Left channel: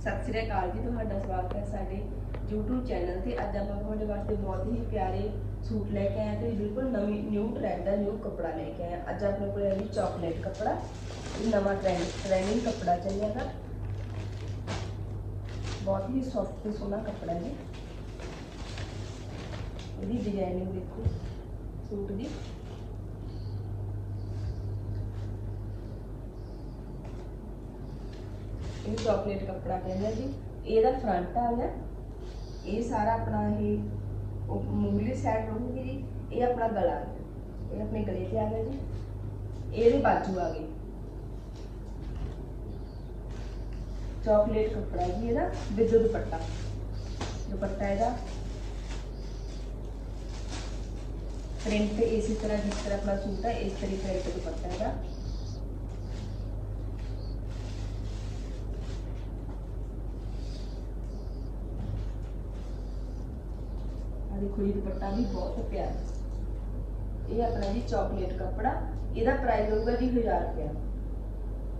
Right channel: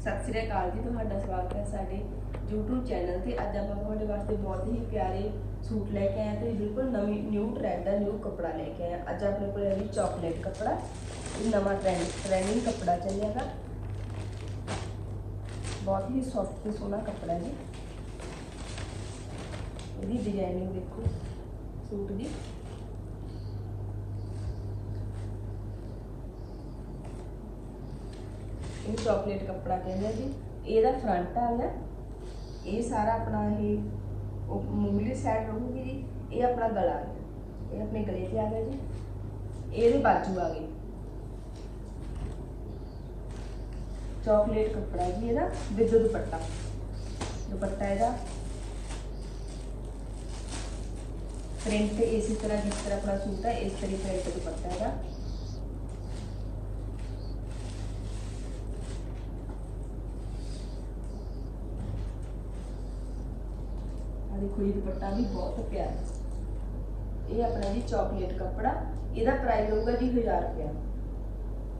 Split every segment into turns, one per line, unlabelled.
ਸਤਿ ਸ੍ਰੀ ਅਕਾਲ ਜੀ ਤੁਹਾਡਾ ਸਵਾਗਤ ਹੈ ਸਾਡੇ YouTube ਚੈਨਲ ਤੇ ਅੱਜ ਆਪਾਂ ਤੁਹਾਡੇ ਵਾਸਤੇ ਬਹੁਤ ਹੀ ਪਿਆਰੇ ਸੂਟ ਲੈ ਕੇ ਆਏ ਹਾਂ ਤੇ ਬਿਲਕੁਲ ਨਵੀਂ ਨਿਊ ਟ੍ਰੈਂਡ ਦਾ ਨਿਊ ਕੱਪੜਾ ਲੈ ਕੇ ਆਏ ਹਾਂ ਅੱਜ ਆਪਣੇ ਕੋਲ ਹੈ ਜੀ ਚਾਕਲੇਟ ਕੱਪੜਾ ਇਹ ਨਵਾਂ ਟ੍ਰੈਂਡ ਟ੍ਰੈਂਡਿੰਗ ਕੱਪੜਾ ਚੱਲਿਆਗਾ ਬਹੁਤ ਹੀ ਸੌਫਟ ਤੇ ਸੋਹਣਾ ਕੱਪੜਾ ਹੈ ਜੀ ਇਹਦੀ ਡਿਜ਼ਾਈਨਿੰਗ ਦੇਖੋ ਸੂਟ ਦੀ ਇਹ ਚਾਕਲੇਟ ਕੱਪੜਾ ਕਹਿੰਦੇ ਆ ਜੀ ਇਹਦਾ ਫਰੰਟ ਆ ਗਿਆ ਇਹ ਸਾਰਾ ਆਪਣਾ ਇਹ ਉਹ ਮੂਲੀ ਸਾਈਡ ਰਹੂਗੀ ਜੀ ਇਹ ਆਪਣਾ ਗਲਾ ਆ ਗਿਆ ਇਹ ਆਪਣੇ ਗਲੇ ਤੇ ਆ ਗਿਆ ਜੀ ਇਹਦੇ ਬਾਜੂ ਆ ਗਈ ਚਾਕਲੇਟ ਕੱਪੜਾ ਜੀ ਇਹਦਾ ਵਿਦ ਦੁਪੱਟਾ ਦੁਪੱਟਾ ਇਹਦਾ ਪ੍ਰਿੰਟ ਇਸੇ ਤਰ੍ਹਾਂ ਜਿਸ ਤਰ੍ਹਾਂ ਆਪਣਾ ਸੂਟ ਹੈ ਇਸ ਤਰੀਕੇ ਪ੍ਰਿੰਟ ਦੁਪੱਟਾ ਇਹਦਾ ਦੇਖੋ ਇਹ ਦੁਪੱਟਾ ਵੀ ਬਹੁਤ ਪਿਆਰਾ ਇਹ ਆਪਣਾ ਜੀ ਚਾਕਲੇਟ ਕੱਪੜਾ ਇਹਦਾ ਪ੍ਰਾਈਸ ਹੋਊਗਾ ਜੀ 1000 ਰੁਪਇਆ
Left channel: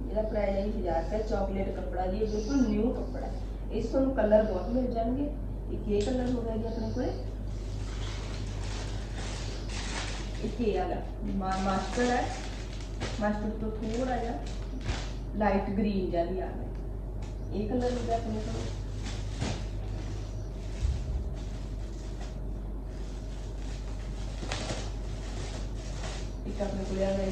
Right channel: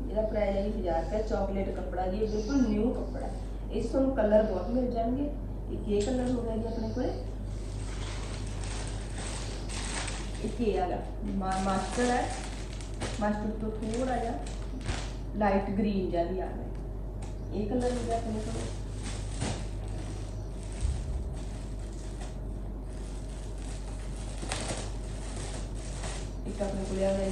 ਇਹਦਾ ਪ੍ਰਾਈਸ ਹੈ ਜੀ 1000 ਰੁਪਇਆ ਚਾਕਲੇਟ ਕੱਪੜਾ ਜੀ ਇਹ ਬਿਲਕੁਲ ਨਿਊ ਕੱਪੜਾ ਹੈ। ਇਸ 'ਚ ਤੁਹਾਨੂੰ ਕਲਰ ਬਹੁਤ ਮਿਲ ਜਾਣਗੇ ਇੱਕ ਇਹ ਕਲਰ ਹੋਗਾ ਜੀ ਆਪਣੇ ਕੋਲੇ ਇੱਕ ਇਹ ਵਾਲਾ ਮਾ- ਮਾਸਟਰ ਹੈ ਮਾਸਟਰ ਤੋਂ ਥੋੜਾ ਜਿਹਾ ਲਾਈਟ ਗ੍ਰੀਨ ਜਿਹਾ ਵੀ ਆ ਗਿਆ ਇਹ ਕਲਰ ਹੋ ਗਿਆ ਆਪਣੇ ਕੋਲ ਇੱਕ ਆਪਣੇ ਕੋਲ ਆ ਗਿਆ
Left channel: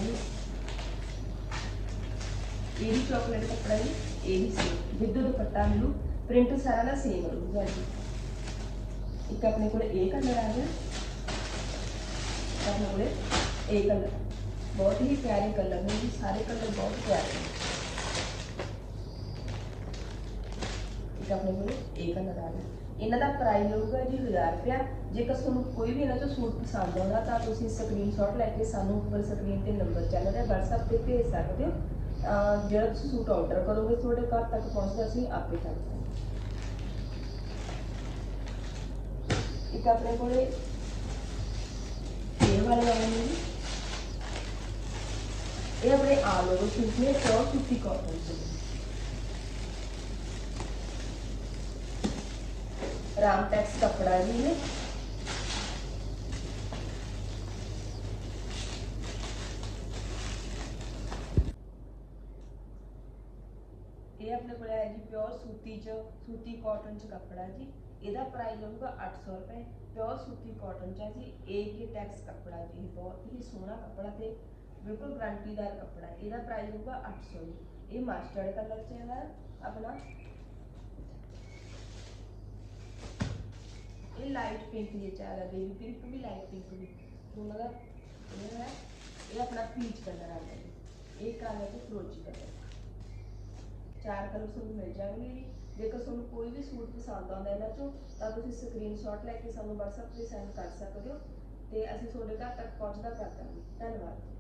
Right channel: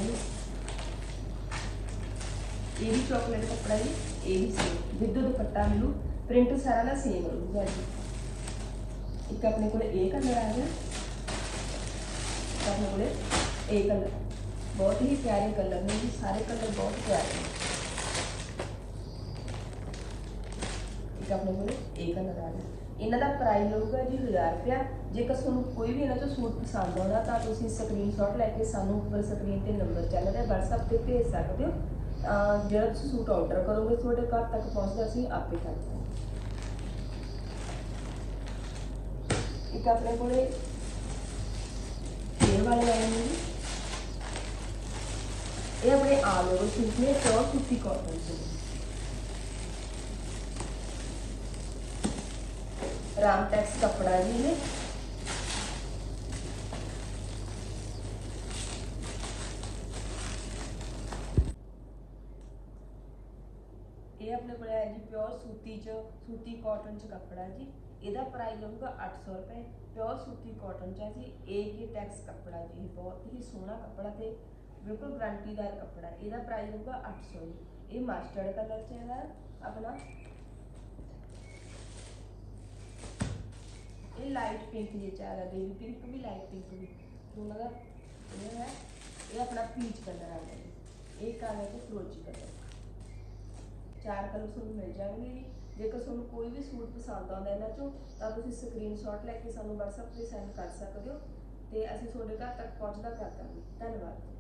ਇਹ ਵੀ ਚਾਕਲੇਟ ਕੱਪੜਾ ਜੀ, ਇਹ ਵੀ ਸੇਮ ਵਿਦ ਦੁਪੱਟਾ ਇਹਨੂੰ ਪ੍ਰਿੰਟ ਸਾਰਾ ਦਾ ਸੇਮ ਹੋਊਗਾ ਜੀ। ਇੱਕ ਆਪਣੇ ਕੋਲ ਇਹ ਕਲਰ ਆ ਗਿਆ। ਆਪਣੇ ਕੋਲ ਇਹ ਕਲਰ ਬਹੁਤ ਹੀ ਪਿਆਰੇ ਕਲਰ ਨੇ ਜੀ, ਸਾਰੇ ਕਲਰ ਬਹੁਤ ਪਿਆਰੇ ਨੇ। ਇੱਕ ਆਪਣੇ ਕੋਲ ਇਹ ਕਲਰ ਇਹਨਾਂ ਦਾ ਪ੍ਰਾਈਸ ਹੋਊਗਾ ਜੀ 1000 ਰੁਪਇਆ। ਜੇਕਰ ਤੁਹਾਨੂੰ ਕੋਈ ਵੀ ਇਹਨਾਂ ਚੋਂ ਸੂਟ ਪਸੰਦ ਆਉਂਦਾ, ਤਾਂ ਤੁਸੀਂ ਸਕਰੀਨਸ਼ਾਟ ਲੈ ਕੇ ਸਾਨੂੰ ਉੱਪਰ ਸਕਰੀਨ ਤੇ ਨੰਬਰ ਚੱਲ ਰਿਹਾ WhatsApp ਤੇ ਭੇਜ ਸਕਦੇ ਹੋ। ਜਿਹੜਾ ਤੁਸੀਂ ਸੂਟ ਆਰਡਰ ਕਰੋਗੇ, ਤੁਹਾਡੇ ਘਰ ਤੱਕ ਪਹੁੰਚਦਾ ਅਸੀਂ ਆਪੇ ਕਰ ਦਾਂਗੇ। ਇੱਕ ਆਪਣੇ ਕੋਲੇ ਇਹ ਵਾਲੇ ਵਾਲੇ ਨੇ ਇਹ ਆਪਣੇ ਆਲ ਓਵਰ ਸੂਟ ਨੇ ਪਿਓਰ ਸੂਤੀ ਕਾਟਨ ਦੇ। ਰਾਮ ਟੈਕਸ ਕੱਪੜਾ ਜੀ ਨੇ ਇਹ ਆਪਣੇ ਕੋਲ ਹੈ ਜੀ ਪਿਓਰ ਸੂਤੀ ਚ ਸੂਤੀ ਕਾਟਨ ਚ ਕੱਪੜਾ ਜੀ ਇਹਦਾ ਪ੍ਰਾਈਸ ਹੋਊਗਾ 800 ਰੁਪਏ ਪਿਓਰ ਸੂਤੀ ਕਾਟਨ ਚ ਹੈ ਜੀ ਇਹ ਹੀ ਟੈਕਸ ਕੱਪੜਾ ਜੀ ਇਹ ਬਹੁਤ ਹੀ ਸੋਹਣਾ ਕੱਪੜਾ ਤੇ ਬਿਲਕੁਲ ਗਾਰੰਟੀਦਾਰ ਕੱਪੜਾ ਇਹਦਾ ਪ੍ਰਾਈਸ ਹੋਊਗਾ 800 ਜੀ ਇਹ ਮਸਟਰਡ ਕਲਰ ਚ ਹੈ ਆਪਣਾ लाइट पिंक ये चाह रहा बेबी पिंक भी लाइट पिंक भी तो मतलब ये है ये अपना पीच कलर आ जाएगी एक आ जाएगा फिरोजी ਕਲਰ ਚਾਰ ਕਲਰ ਤੁਹਾਨੂੰ ਮਿਲ ਜਾਣਗੇ ਜੀ। ਜੇਕਰ ਤੁਹਾਨੂੰ ਕੋਈ ਵੀ ਸੂਟ ਪਸੰਦ ਆਉਂਦਾ ਇਹਨਾਂ ਚੋਂ, ਤਾਂ ਤੁਸੀਂ ਸਕਰੀਨਸ਼ਾਟ ਲੈ ਕੇ ਸਾਨੂੰ WhatsApp ਤੇ ਸੈਂਡ ਕਰ ਸਕਦੇ ਹੋ ਤੇ ਅਸੀਂ ਤੁਹਾਡੇ ਘਰ ਤੱਕ ਪਹੁੰਚਦਾ ਕਰ ਦਾਂਗੇ। ਧੰਨਵਾਦ।